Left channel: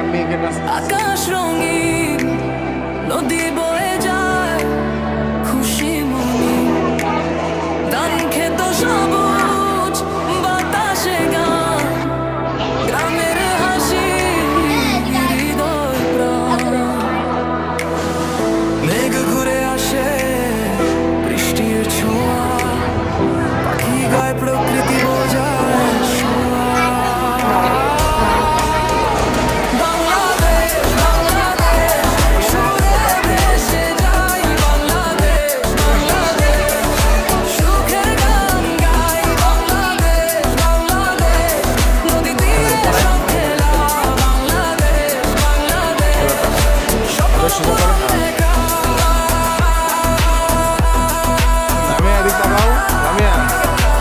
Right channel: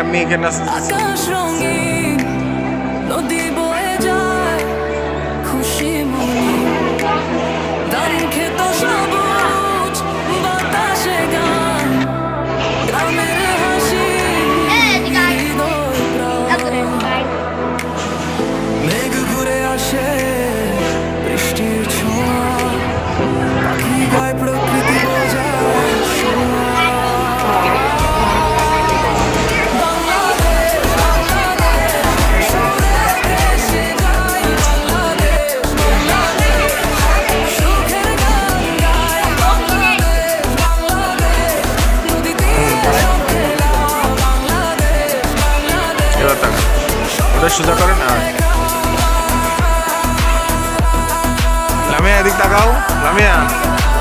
আমি এখানে আকাশ রঙিন নদী বয়ে যায় খুশি মনি ধান ক্ষেত সবুজ বাতাসে গান গ্রামের হাসি হৃদয় প্রাণ মেঘ ঘুরে আসে বৃষ্টির ছোঁয়া পাখি গায় প্রকৃতি বোঝায় ছোঁয়া সোজা করেন না লামিয়া এদিক তাকাও লামিয়া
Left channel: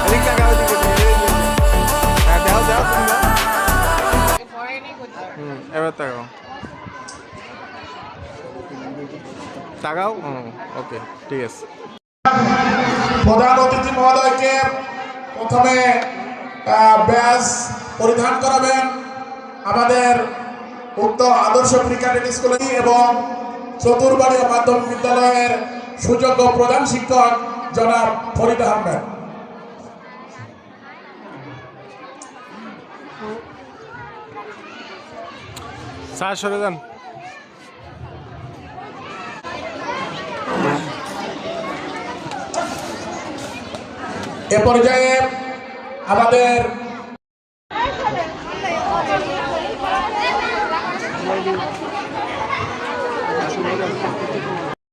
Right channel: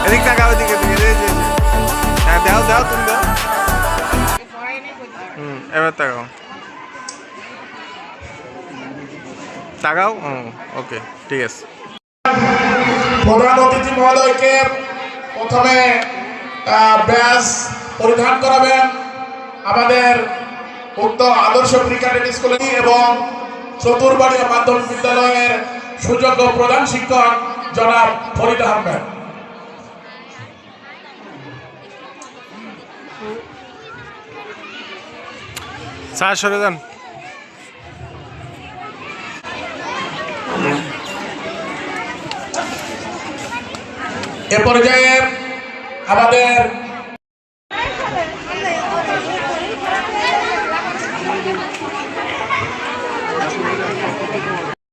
এদিক তাকাও এদিকে হ্যাঁ দাও দাও তুমি দাও এবার তাকাও তাকাও ওকে ঠিক আছে প্রধান অতিথি মহোদয়কে প্রথমে ব্যাজ পরিধান করাবেন আমাদের উত্তর আদর্শ প্রি ক্যাডেট স্কুল এবং চতুরবাড়িয়া মাধ্যমিক বিদ্যালয়ের সুযোগ্য প্রধান শিক্ষক জনাব ফরিদ আহমেদ। স্যার সরে যান। এ পর্যায়ে আমাদের